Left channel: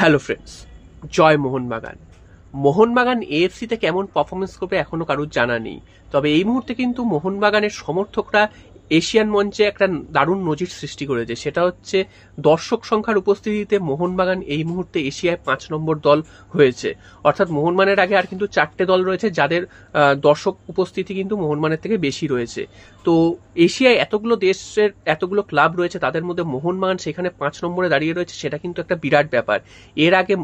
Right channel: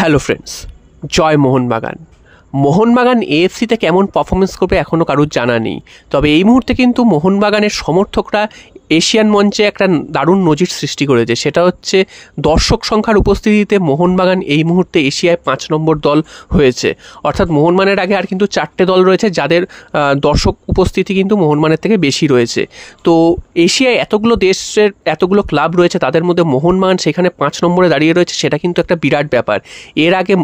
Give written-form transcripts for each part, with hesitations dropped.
Hello friends, জয় মোহনবাগান। মোহনবাগান এএফসিতে কেমন performance করবে এখনও কারোর জানা নেই। তবে এই মুহূর্তে কিন্তু মোহনবাগানের সমর্থকরা এশিয়ান মঞ্চে একটা দারুণ নজির সৃষ্টি করেছে। সেটা হচ্ছে দর্শক সংখ্যার উপস্থিতিতে মোহনবাগান এই মুহূর্তে এশিয়ায় 5 নম্বর দল হয়েছে। অর্থাৎ মোহনবাগানের আগে আর কিন্তু 4টে দল রয়েছে যাদের দর্শক উপস্থিতি কিন্তু মোহনবাগানের থেকে বেশি রয়েছে। তো এশিয়ায় এতগুলো দেশের এতগুলো ক্লাব রয়েছে, তাদের মধ্যে মোহনবাগান সেখানে 5 নম্বরে দাঁড়িয়ে রয়েছে, সেটা কিন্তু একটা বিরাট ব্যাপার। এর আগে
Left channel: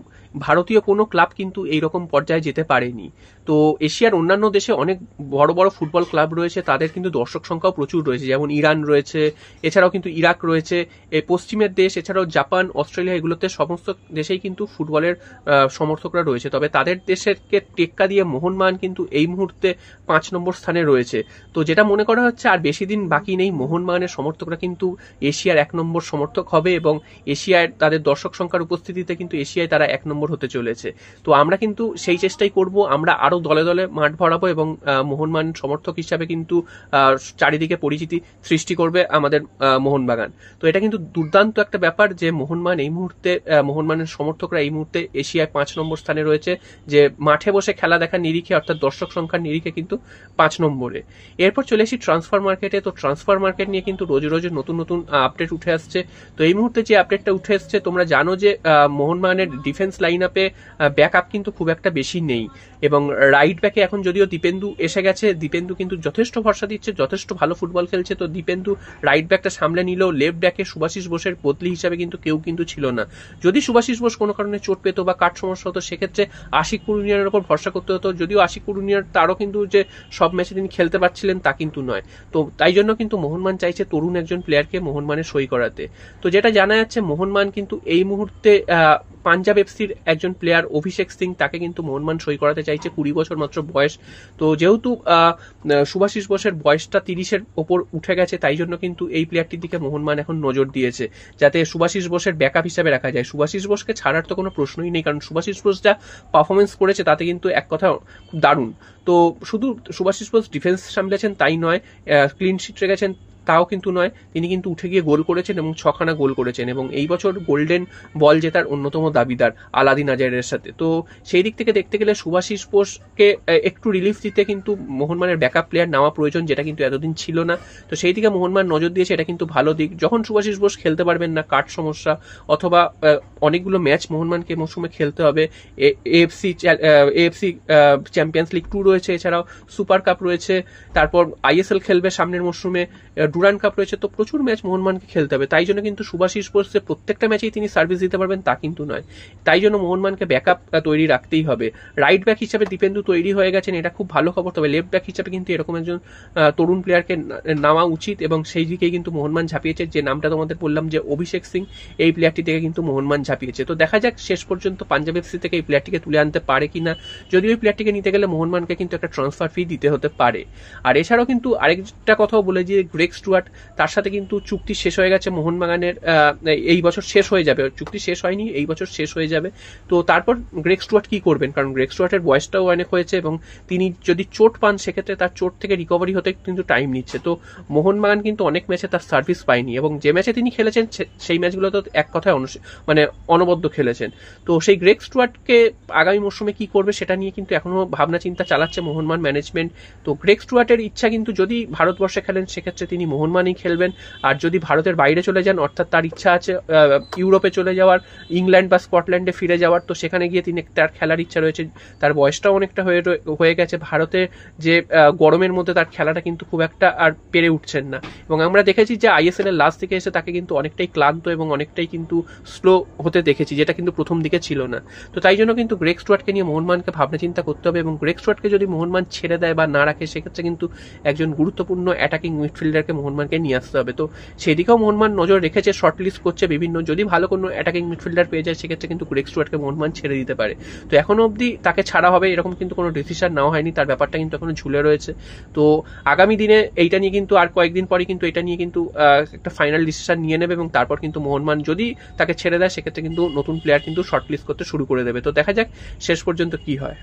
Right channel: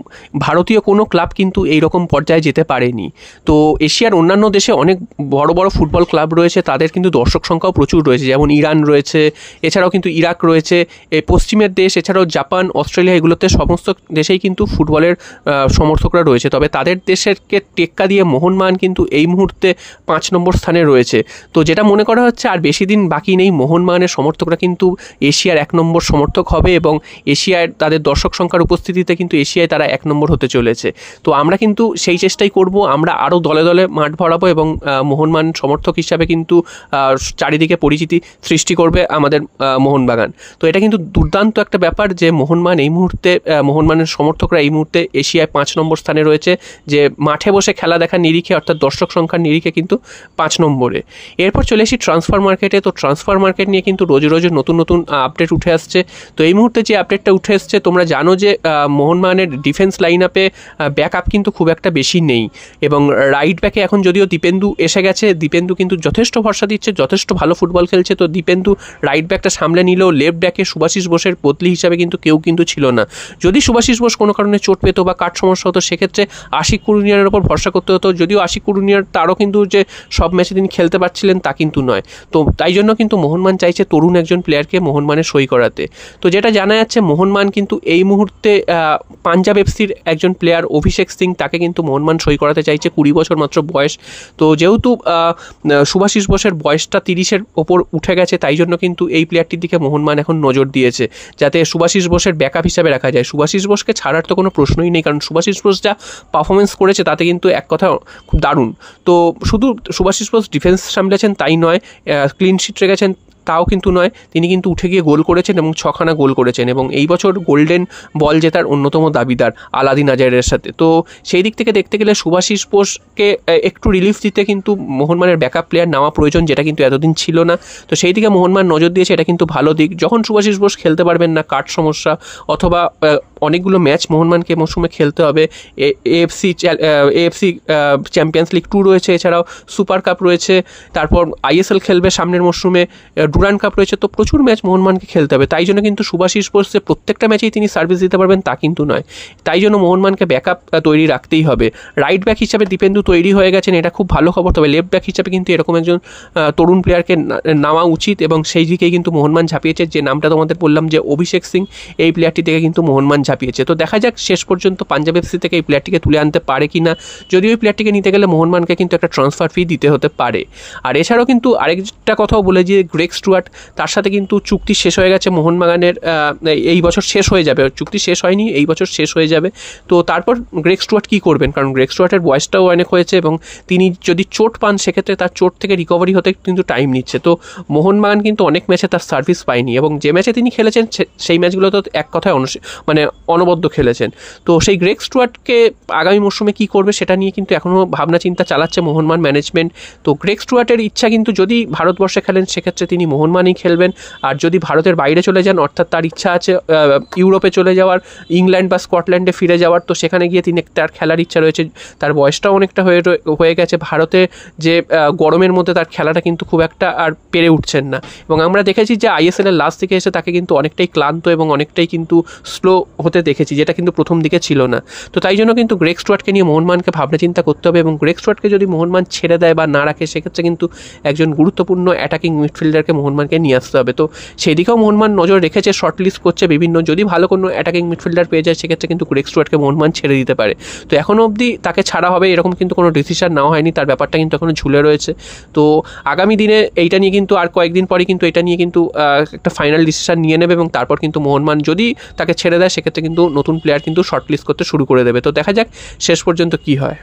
ভারতীয় কোনো ক্লাব কিন্তু এইরকম পর্যায়ে যেতে পারেনি। তো এশিয়ার অন্যান্য দেশে অনেক বড় বড় ফুটবল ক্লাব রয়েছে, তাদের কিন্তু দর্শক সংখ্যাও প্রচুর রয়েছে, যেমন ইরান রয়েছে, এছাড়াও কিন্তু ইরাক রয়েছে, এই পশ্চিমের দেশ, এছাড়াও জাপান, অস্ট্রেলিয়া, এগুলোতে সমস্ত দেশেই কিন্তু ফুটবলের সমর্থকরা রয়েছে। তবে তাদের দেশেরকে টেক্কা দিয়ে মোহনবাগান কিন্তু এই মুহূর্তে 5 নম্বর স্থানে রয়েছে। তো যেটা মনে করা হচ্ছে আর বেশি দিন বাকি নেই, মোহনবাগানের সমর্থকরা কিন্তু এশিয়ার 1 নম্বর সমর্থক হবে এবং এশিয়ার তাদের দর্শক সংখ্যার উপস্থিতিতে কিন্তু এশিয়ায় তারা 1 নম্বর হতে চলেছে। তো আমরা কিন্তু সেই চেষ্টাই করব, আমরা আরও দলে দলে মাঠ ভরাবো এবং মোহনবাগান সমর্থক হিসাবে কিন্তু চারিদিকে পরিচিতি সৃষ্টি করবে আমাদের মোহনবাগান। তো এটা কিন্তু দুর্দান্ত একটা ব্যাপার যে মোহনবাগান এই মুহূর্তে, মোহনবাগানের সমর্থকরা এই মুহূর্তে এশিয়ায় 5 নম্বর স্থানে রয়েছে, যে মাঠে বসে খেলা দেখার নিরিখে অর্থাৎ দর্শক সংখ্যার নিরিখে কিন্তু 5 নম্বরে। এরপর চলে আসি ট্রান্সফার মার্কেটে। তো ট্রান্সফার মার্কেট নিয়ে কিন্তু রোজ রোজ নতুন নতুন আপডেট উঠে আসছে। তো এই মুহূর্তে যে আপডেটটা উঠে এসছে, তোমরা জানো যে মোহনবাগানের ডিফেন্স লাইন আপে ব্যাকআপ কিন্তু খুব একটা বেশি নেই এবং রাইট ব্যাকে এখন যদিও দীপেন্দু এসে গেছে, দীপেন্দু কিন্তু যথেষ্ট ভরসা দিচ্ছে, যথেষ্ট ভালো ফুটবল খেলছে। তো দীপেন্দু রাইট ব্যাকটা সামলে নিলেও লেফট ব্যাকে সুভাশিস বোসের বদলি হিসাবে কিন্তু কেউ কিন্তু ছিল না। যদি সুভাশিস বোস কোনো কারণে চোট পেতো বা কাট সমস্যা হতো, সেক্ষেত্রে আশিক কুরুনিয়ার ওপর ভরসা করতে হতো। যদিও আশিক কুরুনিয়ার তারও কিন্তু যে সব ম্যাচে তিনি খেলতে পারছিলেন তা কিন্তু নয়। তো তাই জন্য কিন্তু মোহনবাগান চাইছে তরুণ একজন প্লেয়ারকে মোহনবাগানে সই করাতে। তো যেটা জানা যাচ্ছে, মোহনবাগান কিন্তু এই মুহূর্তে পাঞ্জাব এফসির একজন প্লেয়ার অভিষেক সিং, তাকে কিন্তু মোহনবাগান সই করাতে চাইছে। 20 বছর মাত্র বয়স। তো যেহেতু সুভাশিস বোসের বয়সটা 30-এর ওপর উঠে গেছে, তাই জন্য কিন্তু এই প্লেয়ারটির দিকে মোহনবাগান এখন নজর দিয়েছে, যাতে সুভাশিস বোসের ব্যাকআপ হিসাবে রাখা যায়। সুভাশিস বোসকে ছাড়ার তো কোনো প্রশ্নই নেই, কারণ সুভাশিস বোস যা পারফরমেন্স করেছে তাতে কিন্তু এক কথা খুব দারুণ। তো শুধু সুভাশিস বোস ডিফেন্স সামলেছেন তাই নয়, ক্লিন শিট রেখেছেন তাও কিন্তু নয়, তিনি কিন্তু উঠে গিয়ে গোল করেছেন এবং 6খানা গোল করেছেন এবং এই বছর গোল্ডেন বল জেতার অন্যতম দাবিদার আলাদিন আজারের সাথে। তো সেই দিক থেকে দেখতে গেলে সুভাশিস বোসকে একটু রিলিফ দিতে কিন্তু মোহনবাগানের ব্যাকআপ প্লেয়ার নেওয়া প্রয়োজন, যেটা কিন্তু এতদিন ছিল না। তো সেই দিকে মোহনবাগান নজর দিয়েছে, এটা কিন্তু ভালো দিক। যখন সুভাশিস বোস খেলতে পারবেন না, কাট সমস্যা অথবা অনেকগুলো ম্যাচ মোহনবাগানকে মৌসুমে খেলতে হবে, এএফসি চ্যাম্পিয়ন্স লিগ 2 রয়েছে, এছাড়াও সুপার কাপ রয়েছে, তারপর আইএসএল খেলবে সামনের মৌসুমে, ডুরান্ড কাপ রয়েছে, তো প্রচুর ম্যাচ মোহনবাগানকে খেলতে হবে। তাই জন্য কিন্তু সুভাশিস বোস প্রত্যেকটা ম্যাচেই তিনি সার্ভিস দিতে পারবেন তা কিন্তু নয়। তাই জন্য মোহনবাগানকে ব্যাকআপ তৈরি রাখতেই হবে। রাইট ব্যাক হিসাবে দীপেন্দু তৈরি হয়ে গেছেন, এটা খুব ভালো খবর। তবে লেফট ব্যাক হিসাবে কিন্তু এরকম একজন তরুণ প্লেয়ারকে নেওয়া উচিত এবং সেই দিকেই কিন্তু মোহনবাগান ঝাঁপিয়েছে। যে নামটা তোমাদের বললাম যে অভিষেক সিং, এই প্লেয়ারটি থেকে কিন্তু মোহনবাগান ঝাঁপিয়েছে। তো দেখা যাক শেষ পর্যন্ত পাঞ্জাব এফসি থেকে এই প্লেয়ারটিকে তুলে আনতে পারে কিনা। যদিও এই প্লেয়ারটিকে নিতে গেলে মোহনবাগানকে কিন্তু একটা ট্রান্সফার ফি দিতে হতে পারে। আর এছাড়াও কিন্তু আরেকটা কথাও বলে যে গ্রেগ স্টুয়ার্ট, তার সাথে কিন্তু চুক্তি শেষ হয়ে গেছে মোহনবাগানের, এই বছর শেষ হয়ে যাবে, চুক্তি শেষ হয়নি, এই বছর শেষ হয়ে যাবে। তো তারপর গ্রেগ স্টুয়ার্ট কী করবেন, কারণ গ্রেগ স্টুয়ার্টের বয়সটাও অনেক হয়েছে এবং তিনি যদি চোট পান সেক্ষেত্রে তার চোট থেকে রিকভারি হতে কিন্তু টাইম নিচ্ছে। তো মোহনবাগান কিন্তু অনেক ম্যাচে তার সার্ভিস পায়নি এবং যে ম্যাচে তিনি খেলেছেন সেই ম্যাচগুলো তো এক কথায় অনবদ্য খেলেছেন। তো সেই গ্রেগ স্টুয়ার্টকে আগামী মরশুমে কী করবে সেটা নিয়ে কিন্তু এখনও ভাবনা চিন্তা চালাচ্ছে মোহনবাগান ম্যানেজমেন্ট। তো গ্রেগ স্টুয়ার্টের ইচ্ছা কিন্তু যদি ভারতবর্ষে খেলেন সেক্ষেত্রে তিনি মোহনবাগানই খেলবেন, আর যদি ভারতের বাইরে চলে যান, অর্থাৎ তার ইচ্ছা আছে ইউরোপে চলে যাওয়ার, ইংল্যান্ড বা স্কটল্যান্ডে ফিরে যাওয়ার, তো সেখানে গিয়ে তিনি তার খেলার ইচ্ছা রয়েছে। তার বয়সটাও অনেকটা হয়ে গেছে, ভারতে যে গরমের মধ্যে তার খেলাটা কিন্তু খুব একটা আর পেরে উঠছেন না এবং আমরা দেখেছি যে আইএসএলের লাস্ট দিকে এসে তাকে কিন্তু অনেকটাই ক্লান্ত এবং অনেকটাই কিন্তু স্লো হতে দেখেছি, যেটা কিন্তু প্রথম দিকে ছিল না। তো তাই জন্য কিন্তু গ্রেগ স্টুয়ার্টকে নিয়ে মোহনবাগানকে ভাবনা চিন্তা করতে হবে এবং গ্রেগ স্টুয়ার্টকে যদি মোহনবাগান ছেড়ে দেয় বা না রাখে, সেক্ষেত্রে কিন্তু একজন গুরুত্বপূর্ণ অ্যাটাকিং মিডফিল্ডারকে মোহনবাগানকে নিয়ে আসতে হবে। তো সেই দিকেও মোহনবাগান নজর রেখেছে, শর্ট লিস্ট করছে বিভিন্ন, যদি ভালো কোনো অ্যাটাকিং মিডফিল্ডার পেয়ে যায় সেক্ষেত্রে কিন্তু গ্রেগ স্টুয়ার্টকে মোহনবাগান ছেড়ে দিতে পারে। তো এখনও অবধি তাকে ছাড়া হবে এরকম কিন্তু কোনো ডিসিশন নেওয়া হয়নি, তার ব্যাপারটা কিন্তু এখনও ঝুলে রয়েছে। তো আগামী দিনে এইটা নিয়ে কিন্তু আর কয়েকদিন পরে কিন্তু এটা নিয়ে কিন্তু একটা ফাইনাল ডিসিশন নিয়ে নেবে এবং তারপর কিন্তু মোহনবাগান যদি তাকে ছেড়ে দেয় সেক্ষেত্রে কিন্তু নতুন প্লেয়ার কিন্তু শর্ট লিস্ট করতে শুরু করে দেবে। তো দেখা যাক শেষ পর্যন্ত কী হয়।